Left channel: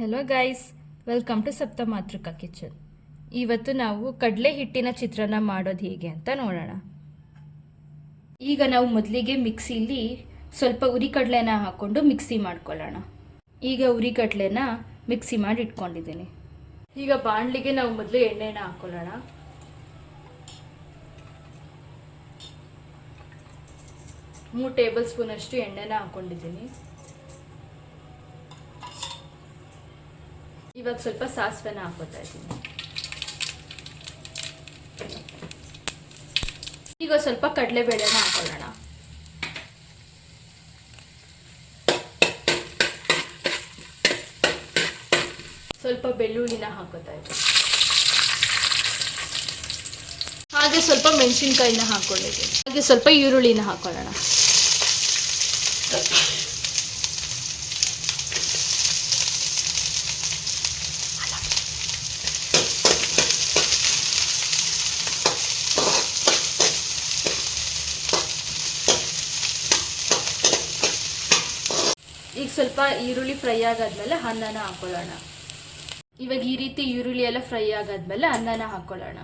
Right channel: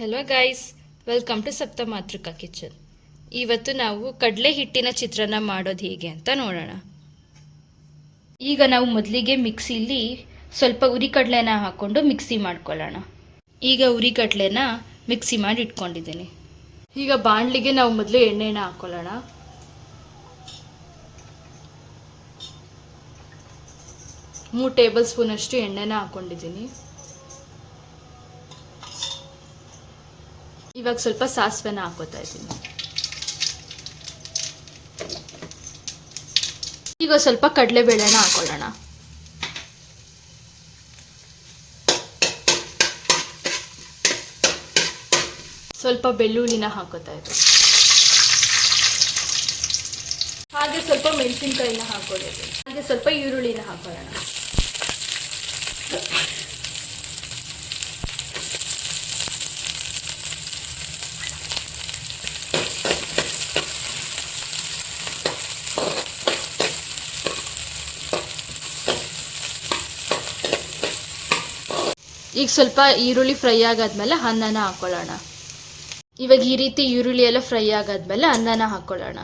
Hello guys, welcome to Saptamatruka kitchen. ಇವತ್ತು ನಾವು ಕಡಲೆ ಹಿಟ್ಟಿನ ಚಿತ್ರಾನ್ನ ಮಾಡೋದು ಹೇಗೆ ಅಂತ ನೋಡೋಣ. ಈಗ ನಾವು ಮೊದಲಿಗೆ ಮಿಕ್ಸಿಲಿ ಸ್ವಲ್ಪ ಹುರಿಕಡಲೆನ ಹಾಕ್ಕೊಂಡು ಮಿಕ್ಸಿ ಮಾಡ್ಕೊಳ್ಳೋಣ. ಈಗ ಹುರಿಕಡಲೆನ ಮಿಕ್ಸಿ ಮಾಡಿ ಇಟ್ಕೊಂಡಿದ್ದೀನಿ. ಈಗ ಬಾಣಲಿಗೆ ನಾವು ಮೊದಲು ಎಣ್ಣೆನ ಹಾಕ್ಕೊಳ್ಳೋಣ. ಮೂರು ಟೇಬಲ್ ಸ್ಪೂನ್ ಅಷ್ಟು ಎಣ್ಣೆನ ಹಾಕ್ಕೊಂಡಿದ್ದೀನಿ. ಇವಾಗ ಸ್ವಲ್ಪ ಸಾಸಿವೆನ ಹಾಕೋತಾ ಇದ್ದೀನಿ. ಈಗ ಸ್ವಲ್ಪ ಕಡಲೆಬೇಳೆನ ಹಾಕೊಳ್ಳೋಣ. ಸ್ವಲ್ಪ ಬೆಳ್ಳುಳ್ಳಿನ ಹಾಕೋತಾ ಇದ್ದೀನಿ. ಹಾಗೆ ಸ್ವಲ್ಪ ಮೆಣಸಿನ್ಕಾಯಿನ ಹಾಕೊಂಡಿದ್ದೀನಿ. ಹಾಗೆ ಸ್ವಲ್ಪ ಈರುಳ್ಳಿನ ಹಾಕೊಳ್ಳೋಣ. ಈಗ ಸ್ವಲ್ಪ ಈರುಳ್ಳಿ ಫ್ರೈ ಆಗಾದ್ಮೇಲೆ ಅನ್ನನ ಹಾಕೊಳ್ಳೋಣ. ಇವಾಗ ಈ ರೀತಿ ಈರುಳ್ಳಿ ಎಲ್ಲ ಫ್ರೈ ಆಗಾದ್ಮೇಲೆ ಅನ್ನನ ಹಾಕೊಳ್ಳೋಣ.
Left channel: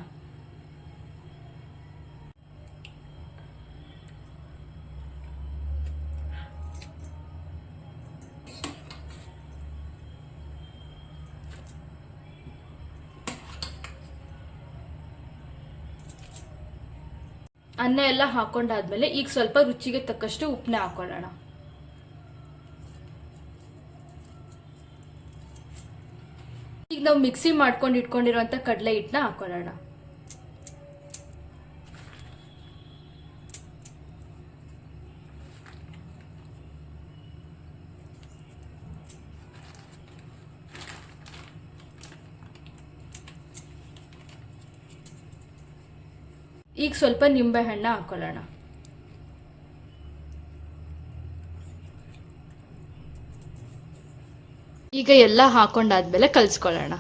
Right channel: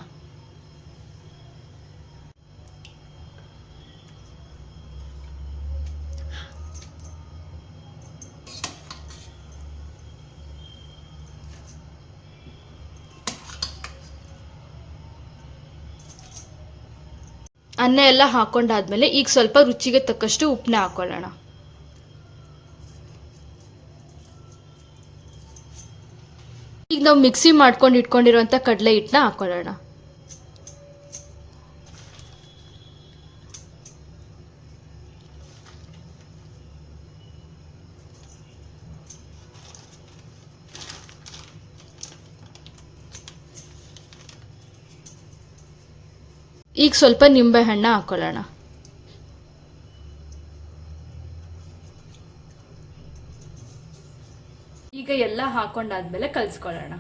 ಅನ್ನ ಎಲ್ಲ ಹಾಕೊಂಡಾದ್ಮೇಲೆ ಈಗ ಸ್ವಲ್ಪ ರುಚಿಗೆ ತಕ್ಕಷ್ಟು ಉಪ್ಪನ್ನ ಹಾಕೊಳ್ಳೋಣ. ಈಗ ನಾವು ಮಿಕ್ಸಿ ಮಾಡ್ಕೊಂಡು ಇಟ್ಕೊಂಡಿರುವಂಥ ಕಡಲೆ ಹಿಟ್ಟನ್ನ ಹಾಕೊಳ್ಳೋಣ. ಈಗ ಸ್ವಲ್ಪ ನಿಂಬೆ ಹಣ್ಣು ಹಾಕೊಳ್ಳೋಣ. ಈಗ ಎಲ್ಲ ಹಾಕೊಂಡಾದ್ಮೇಲೆ ಕಲಿಸ್ಕೊಳ್ಳೋಣ.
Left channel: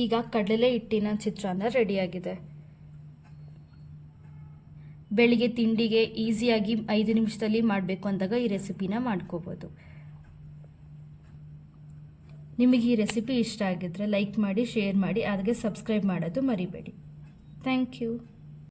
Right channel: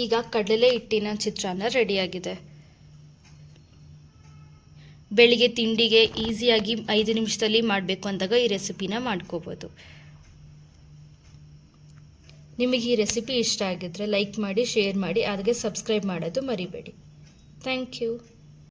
ಈಗ ಕಡಲೆ ಹಿಟ್ಟಿನ ಚಿತ್ರಾನ್ನ ರೆಡಿಯಾಗಿದೆ. ಬೆಳಿಗ್ಗೆ ತಿಂಡಿಗೆ ಈಸಿಯಾಗಿ 5 ನಿಮಿಷದಲ್ಲಿ ಮಾಡಬೇಕು ಅಂದಾಗ ಈ ರೆಸಿಪಿನ ಮಾಡ್ಕೋಬೋದು. ನಿಮಗೆ ಈ ರೆಸಿಪಿ ಇಷ್ಟ ಆಗಿದ್ರೆ ಲೈಕ್ ಮಾಡಿ, ಶೇರ್ ಮಾಡಿ, ಹಾಗೆ ಸಬ್ಸ್ಕ್ರೈಬ್ ಮಾಡೋದು ಮರಿಬೇಡಿ. Thank you.